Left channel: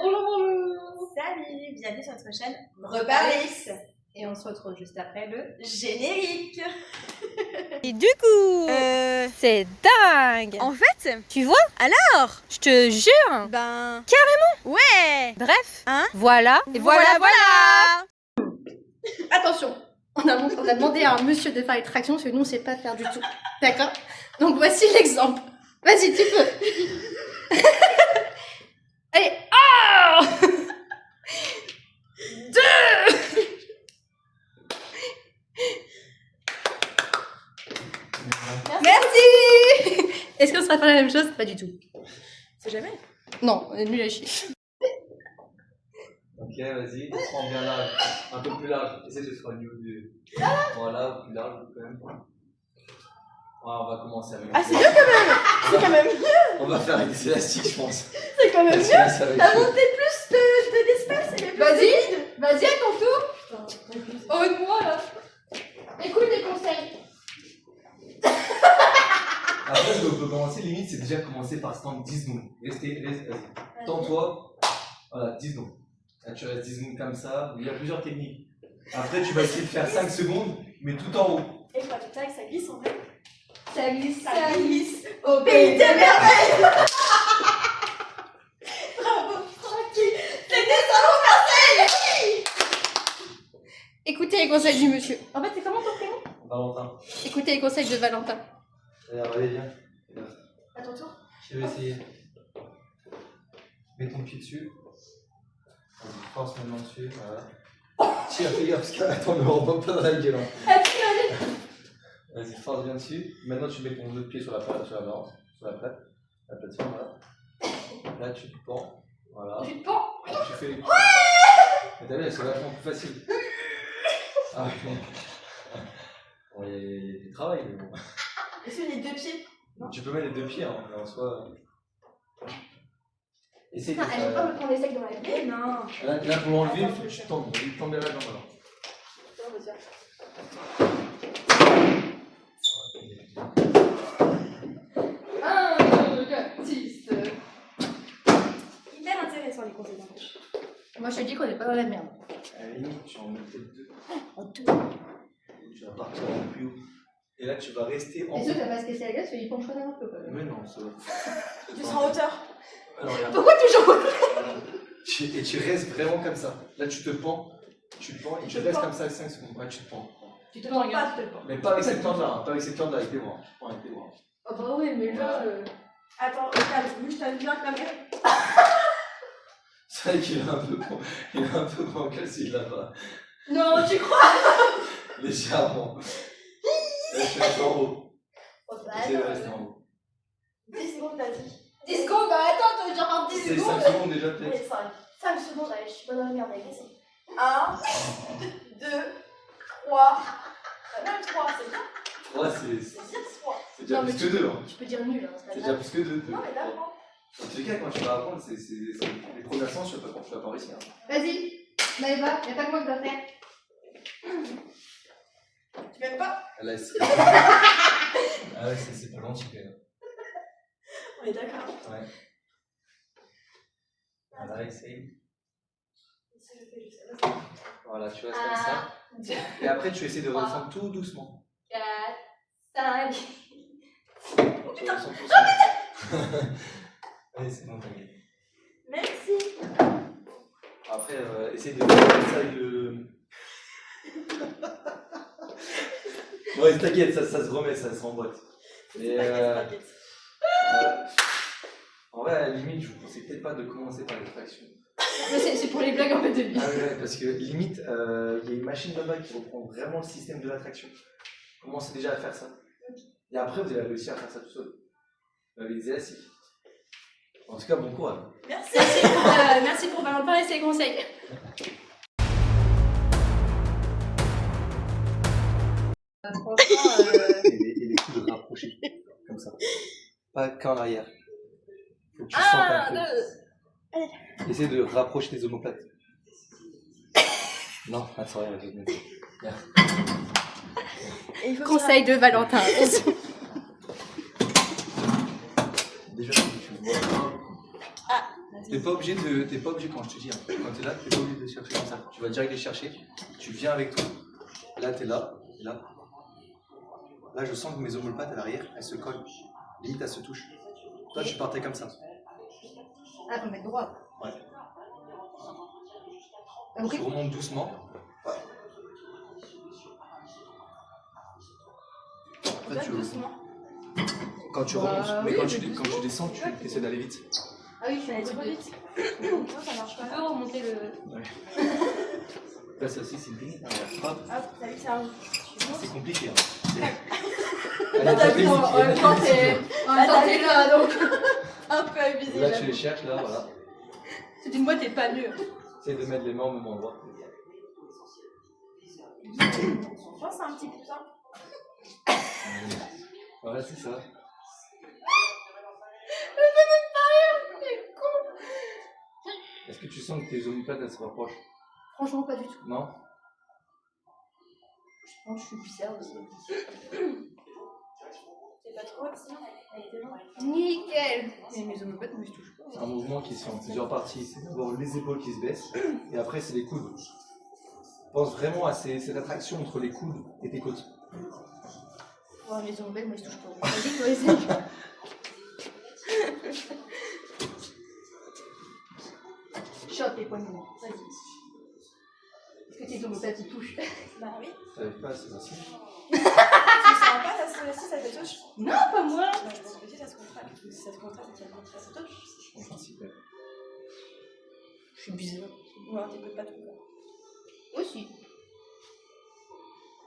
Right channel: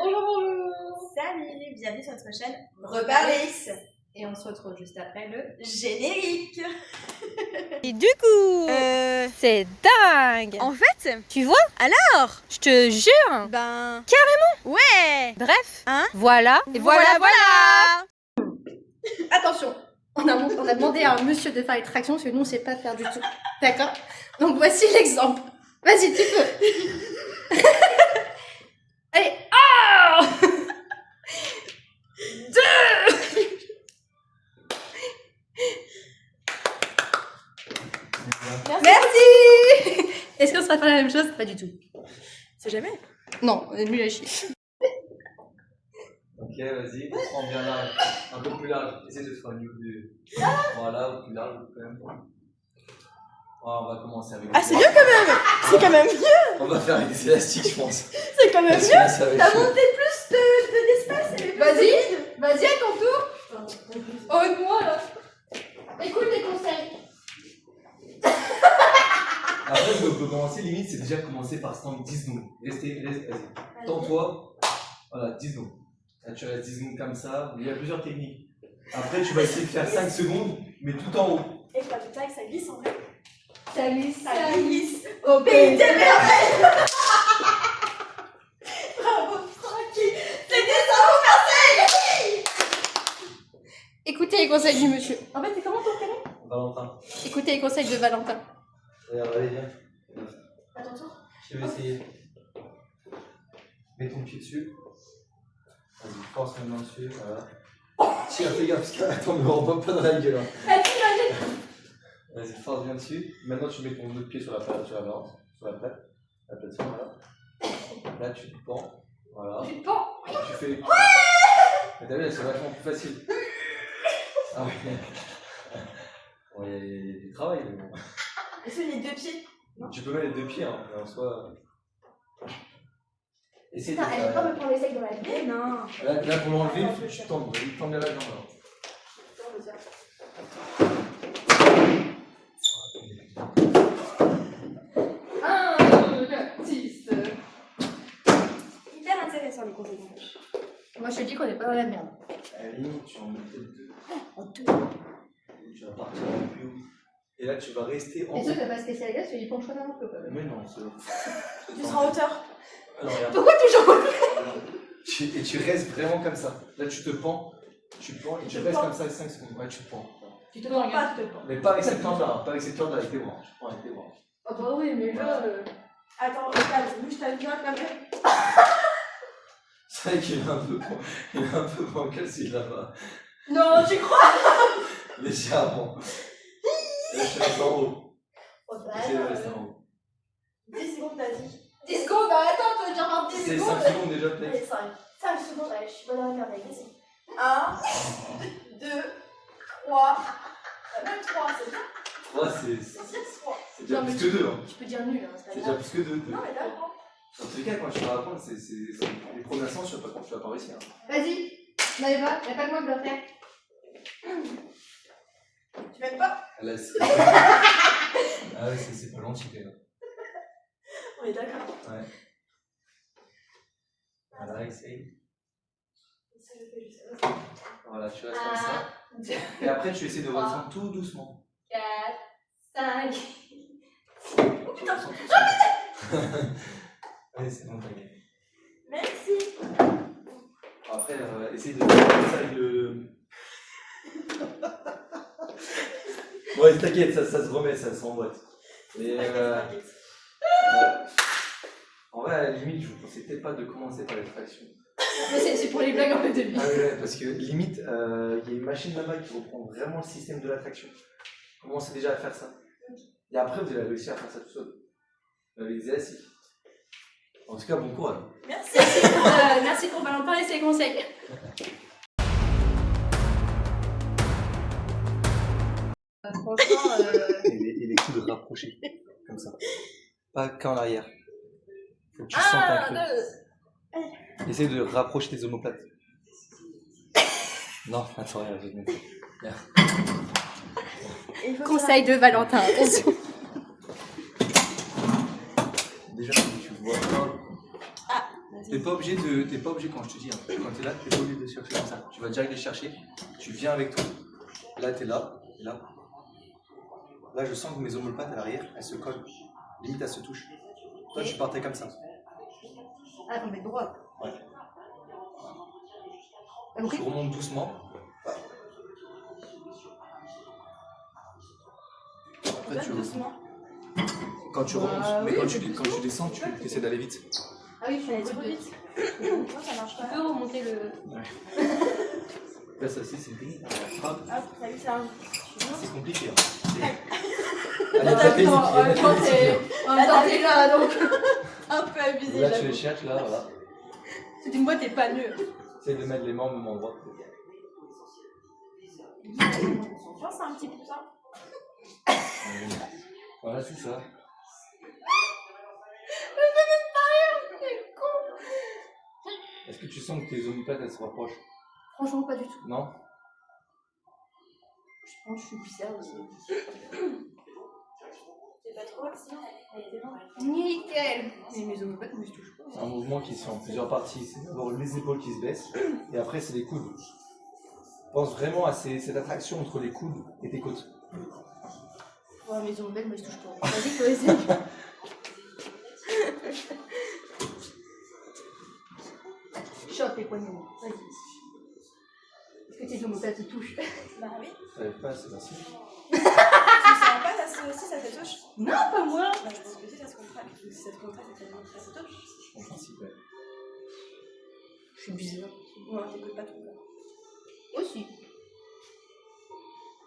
Bonjour, bonjour. Salut, bienvenue sur notre chaîne Reparlix. Et on se retrouve juste après le générique. Et du coup, c'est dingue. En fait, Tu vois? alors, Je te jure. ben... Carrément. Ouais. Bref, Hein? voilà. Et voilà. Attention, on a demandé à un monsieur de faire les tractions parce que nous on sait pas faire du tout. D'accord? Donc voici l'exemple. Vas-y, tu peux. Allez, oh 2. Merci. Est-ce qu'on sera pas la même chose? Pas du tout. C'est jamais. Non, on est nul à chier. Ok, vas-y, prends bien large, un peu plus large, essaie de faire une vue. Voilà, ou plus large quand même. Voilà, on va commencer avec. Ah, c'est bien quand même. C'est quand même mieux. On va faire avec des élastiques, je pense. C'est quand même mieux. T'as monté plus d'espace. Vas-y à ton tour. Oh, et moi là. Écoute tes conseils. Après, ce qu'on peut commencer, limite, c'est déjà commencer par stand 10 secondes. Vas-y. Tends-toi. Voilà, 10 secondes. Là, tu restes 10 secondes comme ça. Il y a plusieurs techniques. Après, tu vas essayer de faire 5 secondes, mais tout en haut. Et quoi, putain, que ça glisse en vrai. Ça glisse, Ça glisse. au Pays des merveilles. Bravo, Francky. C'était ça mon conseil. Écoutez les conseils du monsieur. En fait, c'est comment ton prénom? Valentin. Écoutez les conseils de Valentin. Allez, viens. À ton tour. Je vais essayer. Mets ton pied dessus. Vas-y, force la main dessus. Voilà. Tiens, fais gaffe, parce que attends, ne me rends pas dans la gueule. Vas-y, force bien dessus. Maintenant, tu mets ton autre pied sur la balance, sur la plateforme, voilà. Là, tu te pends. Voilà. Tu te pends. Tu fais. Mais t'as vu, là, c'est vachement plus facile. Ah oui. Bon, il y a du travail, mais bon. Est-ce que les deux pieds? Non. Tu peux mettre les deux pieds, hein, mais en soi. Essaye de Putain, elle faire. veut pas me prendre les secs dans la gueule. Non. Là, pour l'enlever, il faut que tu tends bien la jambe. Alors. Hyper intéressant les conseils d'embauche. Moi, je te dis qu'on est pas dans la merde. À la limite, tu en mets peut-être deux. En deux. Tu vas partir un peu plus haut. Et là, tu vas rester en T'es haut. sûr que t'as pas se casser la gueule parce qu'il penche un peu quand même. Mais non, c'est. Tu seras en hauteur. Alors, regarde. Pourquoi toujours Et tu restes vraiment comme ça. Là, tu te pends. Tu te pends et tu te restes pends. comme ça 5 secondes. Ouais, tu te pends. Tu te Non, pends, pas, tu te pends. Mais pas avec cette corde là, pas avec cette corde là, avec tes bras. Tu te pends avec tes bras. Ah bah oui, mais là... Attends, regarde, vu que je t'aime bien quand même. C'est vrai qu'il est un peu con. Il est un peu bancal celui là-bas. Non, tu crois? Légèrement. Là, tu restes en haut. Oh bah Essaye de rester en haut. 10 secondes, t'as dit. 10 secondes, bah attends, tu veux dire par 10 C'est secondes 5 secondes déjà, peut-être. Allez, 5. 5 secondes, allez, je suis pas dans la merde, allez, vas-y. 1, 2, 3. Même 3, c'est bien. 3, c'est C'est 3. déjà Non, mais plus que 2. Hein. Tu peux dire nul, hein, c'est pas C'est grave. déjà plus que 2. Non, mais d'accord. En tout cas, quand tu vas apprendre, c'est les premières séances, tu vas pas réussir. Hein. Vas-y, Maëva, y'a pas que moi qui dois faire. Tu m'aimes pas? Là, ah ouais, c'est pas gentil quand même. On est d'accord. Ouais. Voilà, essaye. Ça, je fais juste ça. Voilà, tu restes comme ça. Et après, tu essaies de redescendre tout doucement. 4, 5... Oh putain! Allez, c'est bon, t'inquiète. Merci. Après, essaye de faire ça avec le. Ouais, t'inquiète, ça se remet, ça se remboîte. Et T'inquiète. en vrai, à la limite, je vous conseille peut-être pas de commencer par les tractions. Mais c'est pour les blagues en fait de lui. Ah ouais, parce que limite, il y a une machine là-bas qui reprend vraiment le système de l'attraction. Commencez déjà à faire ça. Et après, vous allez réussir à faire ça tout seul. Avec des élastiques. En tout cas, bon courage. Merci. Merci pour Valentin et ses conseils. Franchement, Et les coups de rapprocher. Comme ça. Pas qu'en arrière. Faut que tu sentes un peu. Essaye de rapprocher tes omoplates. Non, attends, regarde. conseil de Valentin. Attention. Déjà, tu vois pas. Ah, T'es pas obligé quand je te dis, hein, quand t'es là, t'es pas obligé de chercher comme ça. Tu vas direct les chercher, tu viens avec toi. Là, t'es là, et là. Là, je sens que mes omoplates à l'arrière, elles se collent. Limite, elles se touchent. Toi, tu partais comme ça. Ah, faut mettre droit. Ouais. Ok. Tu remontes doucement. Voilà. Après, quand tu remontes, mais quand tu descends, tu essaies d'aller vite. Ah oui, je suis allée trop trop vite. vite. Moi, ça marche Tu pas. peux remonter le. Là, ça aussi, c'est une technique. Frappe. Hop, t'as vu ça? C'est compliqué. Hein. T'as vu, en même temps, t'es là, donc. Un peu abusé. Là, tu les cherches, là, voilà. Tu dis, moi, t'es pas mieux. Essaye de mettre les mains au même endroit. Je pense c'est un petit peu ça. Voilà, c'est ça. Est-ce que tu sens que tes omoplates, elles se rapprochent? Franchement, pas du tout. Non? Je pense que je suis bizarre aussi. C'est pas trop sinon. Elle était bonne. Nickel. Mais mes omoplates, moi, je touche pas. C'est un mouvement qui se fait en plusieurs parties. C'est d'abord les épaules qui se baissent, et après, c'est les coudes. Pense vraiment à cette attraction entre les coudes et tes côtes. Oh, mes omoplates, moi, je touche pas. Vas-y, toi, essaye. Chope les poignets. Vas-y. Est-ce que tes omoplates, ils touchent? Bah oui. T'arrives pas, c'est facile. Tu sens pas ça si ça te touche? Non, pas moi. Bah je pense que si ça se contracte. Si ça te contracte, ça te touche. En principe, ouais. Je suis bizarre. Non, t'écoutes pas tout quoi. Aussi.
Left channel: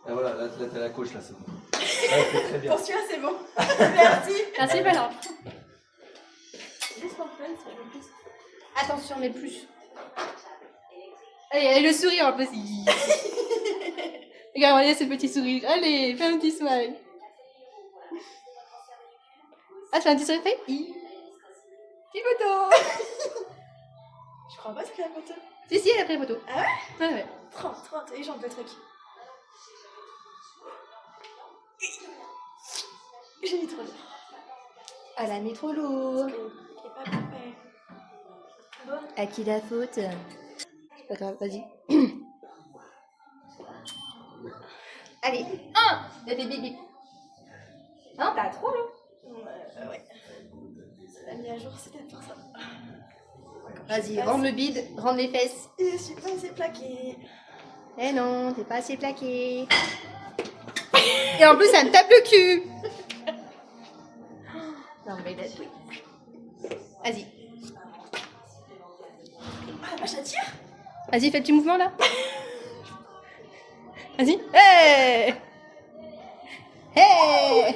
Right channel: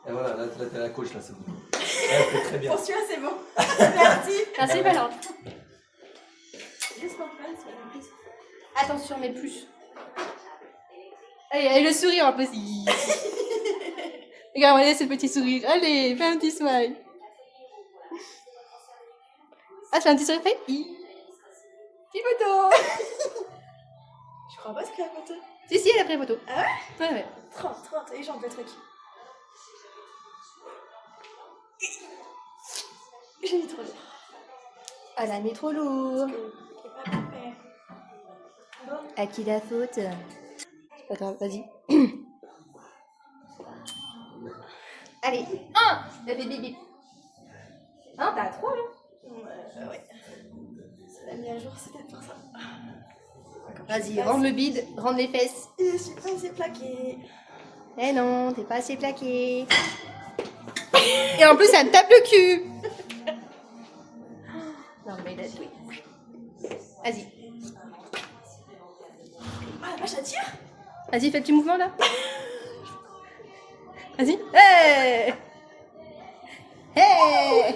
Et voilà, là t'as la coach, là, c'est bon. Là, elle fait très bien. Pour celui-là, c'est bon. Merci. Merci, Valente. Juste pour fun, c'est le plus. Attention, mais plus. Allez, allez, le sourire un peu. Regarde, regardez ce petit sourire. Allez, fais un petit smile. Ah, fais un petit sourire. Fais Petit photo. Je crois pas ce qu'il y a pour toi. Si, si, elle a pris la photo. Ah ouais? Ouais, ouais. Trop, t'as eu genre le truc. J'ai mis trop dur. Elle a mis trop lourd. Il est pas parfait. Bon. À qui la faute? C'est pas grave, vas-y. Allez, 1. Elle fait bip bip. Non, t'as 3 là. Ouais. Ça l'a mis à jour, c'était pour ça. Vas-y, rende le bide, rende les fesses. Je suis pas assez plaquée. Eh non, t'es pas assez plaqué. Et en plus, elle me tape le cul. Non, mais laisse. Vas-y. Ah la vache, ça tire. Vas-y, fais le petit mouvement là. Vas-y. Hey! Hey!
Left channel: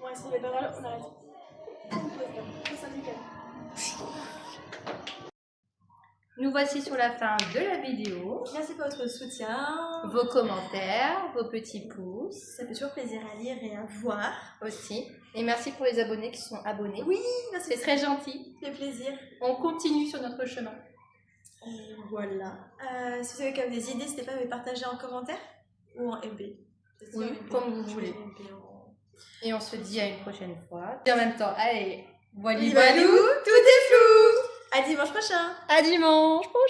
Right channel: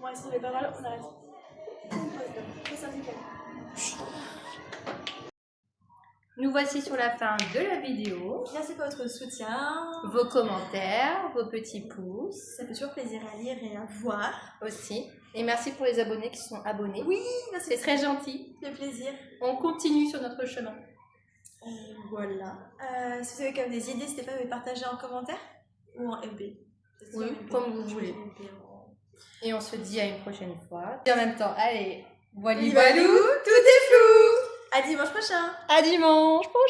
Moi, si j'avais pas mal, on arrête. On pose là. Pose ça nickel. Nous voici sur la fin de la vidéo. Merci pour votre soutien. Vos commentaires, vos petits pouces Ça fait toujours plaisir à lire et à voir. aussi. Et merci pour les abonnés qui sont abonnés. Oui, merci. C'est très gentil. Ça fait plaisir. On continue sur notre chemin. Et voilà. Si vous avez quand même des idées, n'hésitez pas à me partager en commentaire ou en MP. Oui, comme vous voulez. Et on se dit à une prochaine fois. Et en même temps, allez, voilou, tout est flou. À dimanche prochain. À dimanche prochain.